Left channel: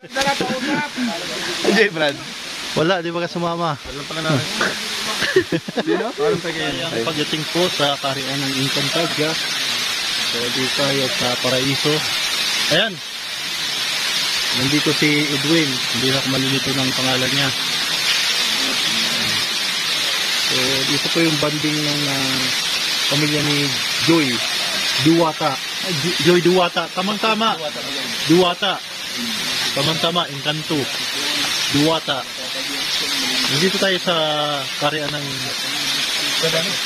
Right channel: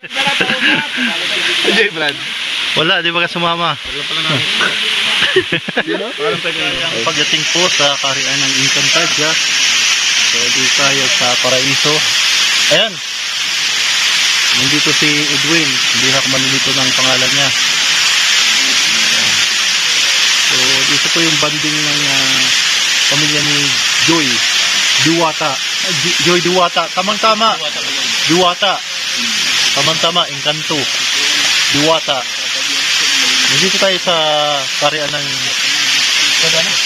Hindi, Brad. Wala, di ba ka sumama? Pagdating po sa kaharian ng Encantadia. So, di tayo sa Paraiso. Ayan. Nandito si Edwin. Hindi na ako malilito ng pangalan niya. So, dito po yung banding ng pamilya ni Joy Duwata. Joy Duwata. Tamang-tama. Duwata. Tamang-tama. Encanto. Duwata. Nandito tayo sa kaharian ng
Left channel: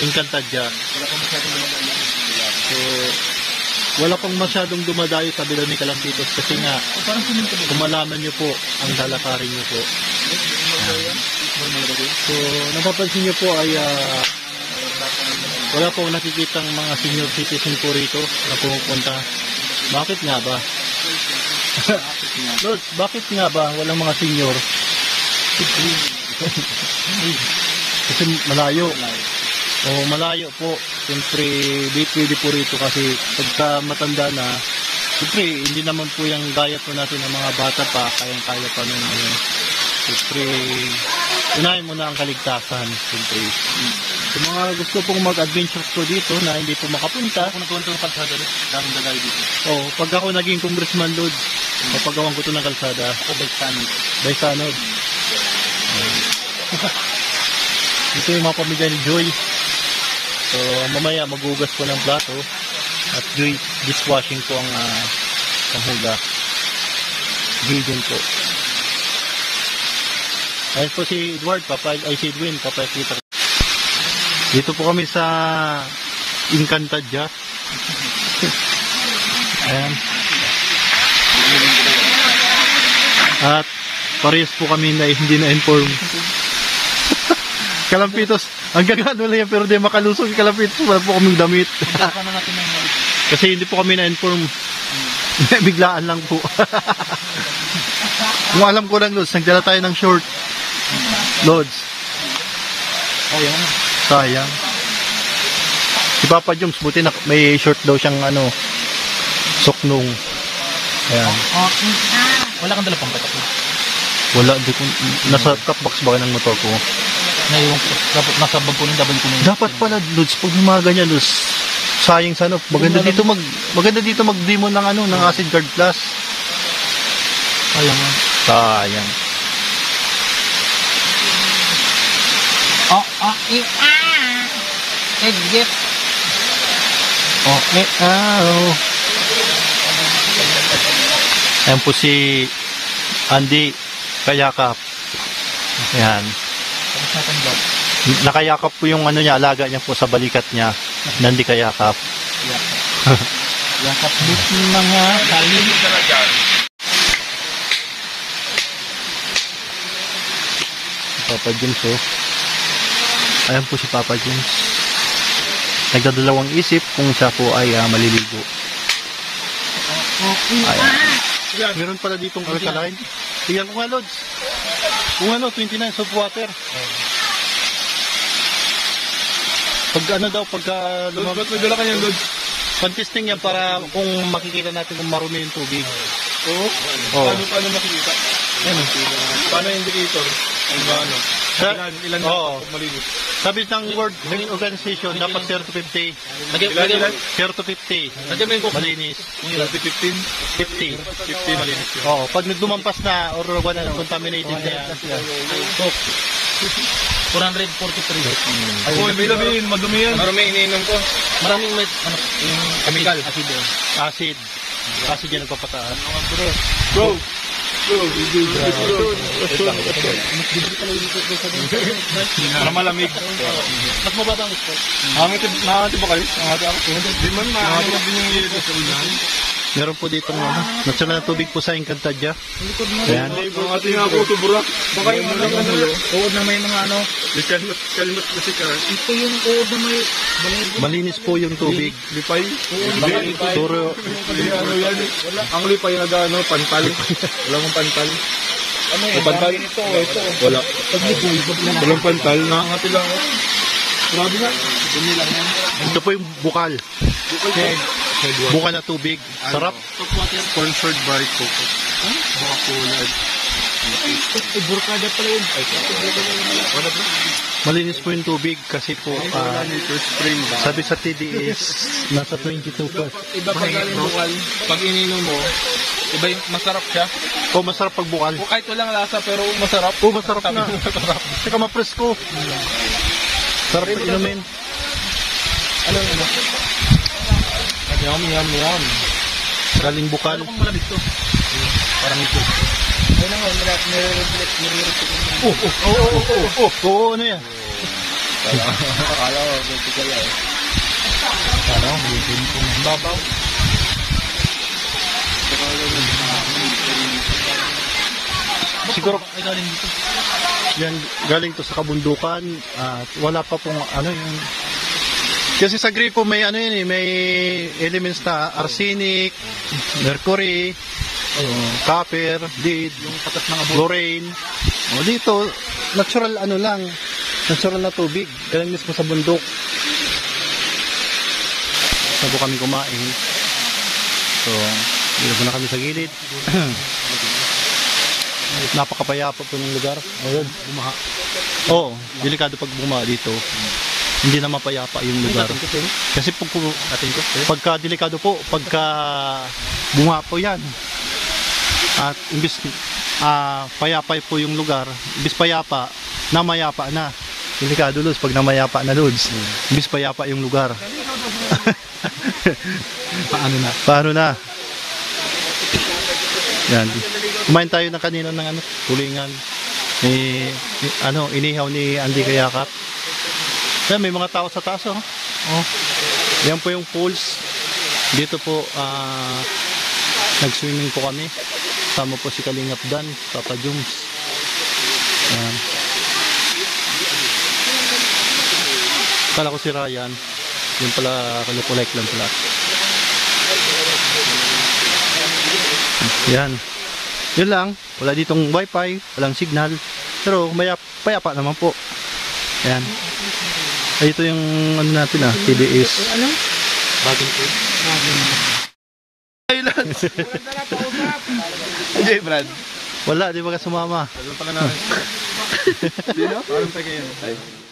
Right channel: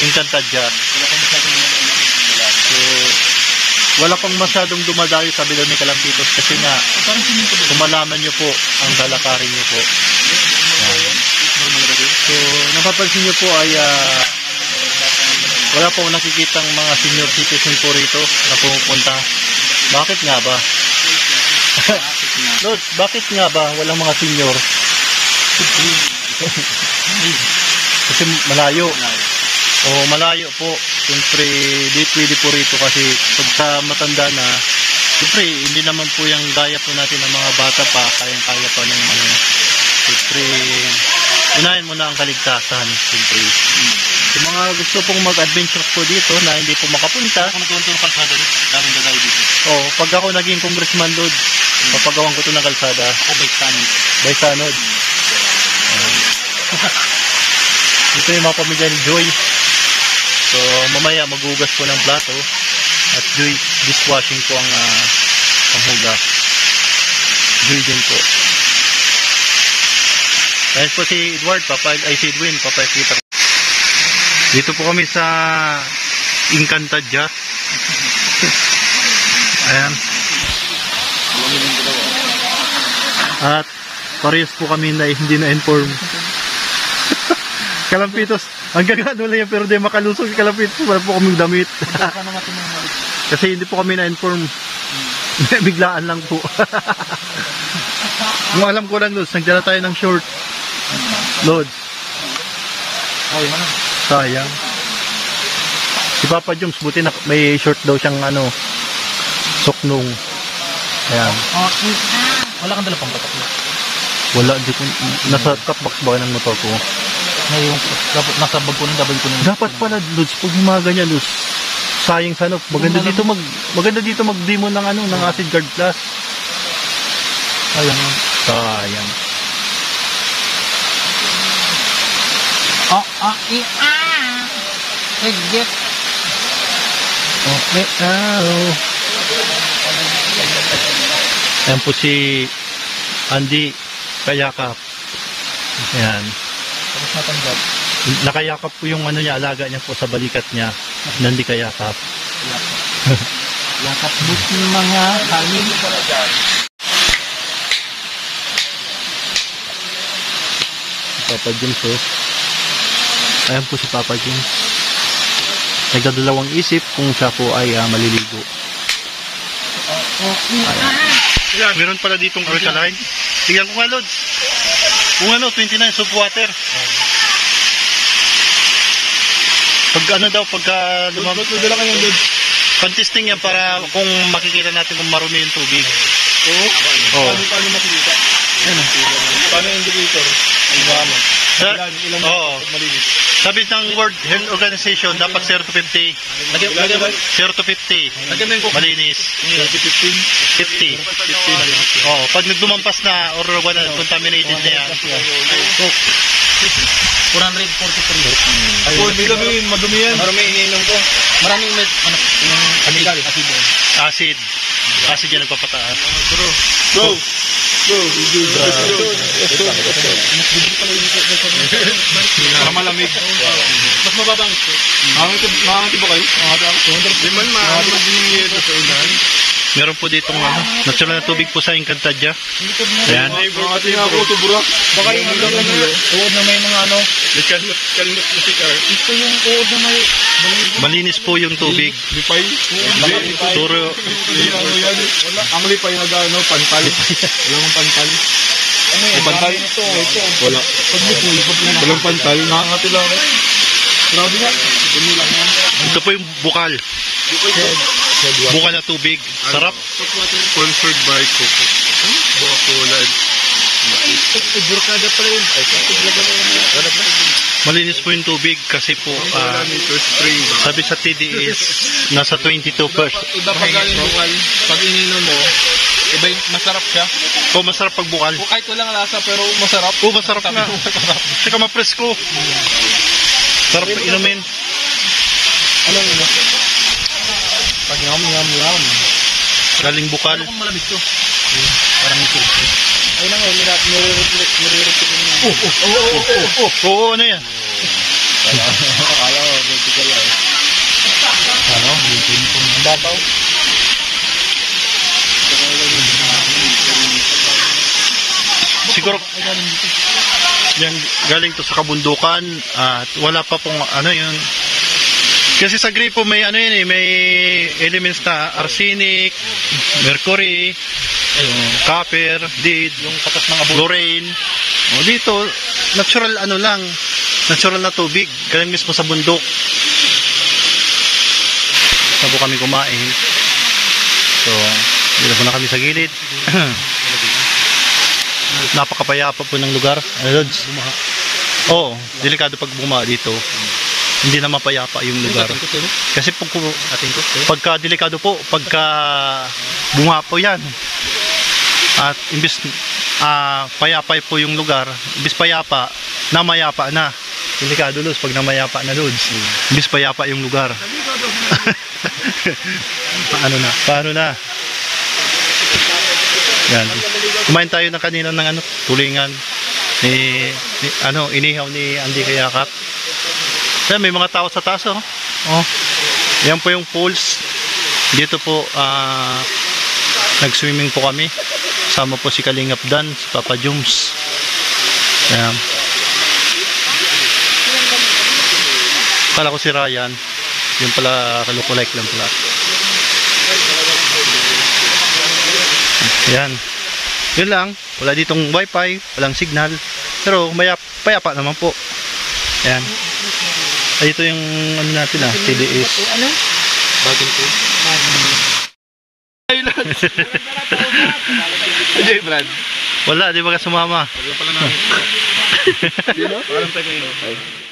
Encantadia. So, wala pang masyadong dumadayo sa bilog ni Kalampitos kasi nga kung malaman nyo po ang lalakarin nyo po. So, napapansin nyo po ay wala pong nakikitang mga senior citizen po rito na pumupunta. Bakit nga ba? Look, bakit nga ba walang mga senior? Kasi malayo. O malayo po. Siyempre, di pwede po rito kasi pagka matanda na, siyempre, hindi naman po yung gaya po natin ng mga bata pa, kayang-kaya pa nung siyempre, unahin mo na ang kaligtasan, siyempre. Yung mga gusto pong mag-adventure po dito na hindi po makapunta. Pag ako naging congressman Lord, papagawan ko ito ng kalsada. Ako by Sanod. Ito yung mga pamilya ni Joy. So, mamaya maghugas po ng plato at Joy dishwashing po ang panghugas. Joy din po. Ayun po si Edward, si Edwin, papakita. Dito po kami sa Encantadia. Ayan. At parehas po kami na hindi na-inform. Kalampitos, hanggang ano lang yan, pero di makalusog si Kalampitos, wala po kaming damit. Kasi hindi po kami na-inform. Biglaan lang po. Kung alam ko lang, Lods, nagdala tayo ng short. Lods. Sayang. Si Papa Joms, buti na may short daw siyang soknong. Ayan. Wala kang dala pang patak. Wala, di ko, nasa cupbox ba ng motor ko? Ngayon, dapat nasa bag ko nung dapat pala, Lods, pag mga ganyan, Lods, sayang sa maganda dito mag-demo ng ng Acid Guard Plus. Sayang. Exit. Okay, Ayan po si Andy Kayakap. Ayan. Tapos natanggap. Nakayakap po yung niya, alaga niya po sa balikat niya. Nandi Kayakap. Yakap ng mga kain. Papa James, Ayan po si Papa James. Nagdadalawang isip kung siya po ay maliligo. Ayan. Meron pala ditong alkaline. Tingnan ko nga, Lods. Kung 29 soap water. Pagka Dala ka yan, Lods. Pan-testing yan para kung makikita natin kung marumi yung tubig. Oo. Paano makikita? Paano yung indicator? Ilan malinis? Sabi ng World Health Organization, dapat 0 to 50. 0 to 50. Malinis. 50. Oo, pag nagdumampas na or contaminated na yan. 443. Madumi yan. Marami iniinom ko. Maraming chemical. Acid yan nagpapataas. Go! Para malamig. Mas mababa ang gusto. Makakati ba kayo? Di man makakati yung yelo sa inyo. Meron po ditong natural na tubig po sa Encantadia. Ayan. Makakati nga ako ito, burak. Baka yung uod na may mga kalnot na sikar. Ito yung uod na may malinis po yung tubig. lipay. Turo. Ang lipay na pantal. Wala mong pantal. May pantal? Wala. Walang pantal na. Ito lang. Grabe nga. Dumi lang yan. Ito po yung bukal. Bukal na tubig. Sarap. Sponsored by Coco. Coca-Cola. Burkada pala yun. Wala ba? Malinis po yung tubig kasi po Spring ba? sabi sa TDS nasa 22%. Iba pag galing bukal, pag ininom mo, iba yung masarap siya. O masarap pag bukal. O kahit walang lasa pero masarap. O masarap Sabi na. mo, masarap. Tsaka mapresko. Sarap pag inumin. Ano yung ano? Yum. Galing bukal. Ano kung malamig to? Parang ito. Ayun na nga, nire-reflect. Oo, ano yan? Akala ko, vertical eh. Ano? Babaw. Siguro yan galing to sa kabundukan at wala pa pong ano yun. Kasi sa gripo may ano yun may elements na arsenic, mercury, copper, lead, Yung katas ng abo. chlorine. O dito natural ano lang, natural na tubig, galing mismo sa bundok. Sabo kami kumain. So, dito na kami sa gilid. Napakapayapa po ng lugar. Lods. Oo, delikado pag bumaha dito. Hindi na mapayapa yung lugar. Kasi pagka delikado po, pagka bumaha po yan. At imbis payapa po yung lugar, imbis payapa, namayapa na. Delikado Lods, pag namayapa na Lods. Imbis payapa yung lugar. Paano na? Yan. Kumain tayo ng kanina ng ano, tulingan ni inihaw ni Andy Kayakat. Yan, may mga tao sa taas oh. Yan po yung pools. Dito po nag-swimming po kami. Kasama po si Kalingap Dan, si Papa Jums. Yan. Kala ko si Ryan. Yung pala kalukulike lang pala. Yan. Yun lang. Wala ditong wifi, walang signal. Pero payapa naman po. Yan. Ay, ito yung ano natin TDS. Ano? Bagong po. Ay, Brad. Wala, di ba ka sumama? Sabi pala namin. Di no? Parang tayo kayo.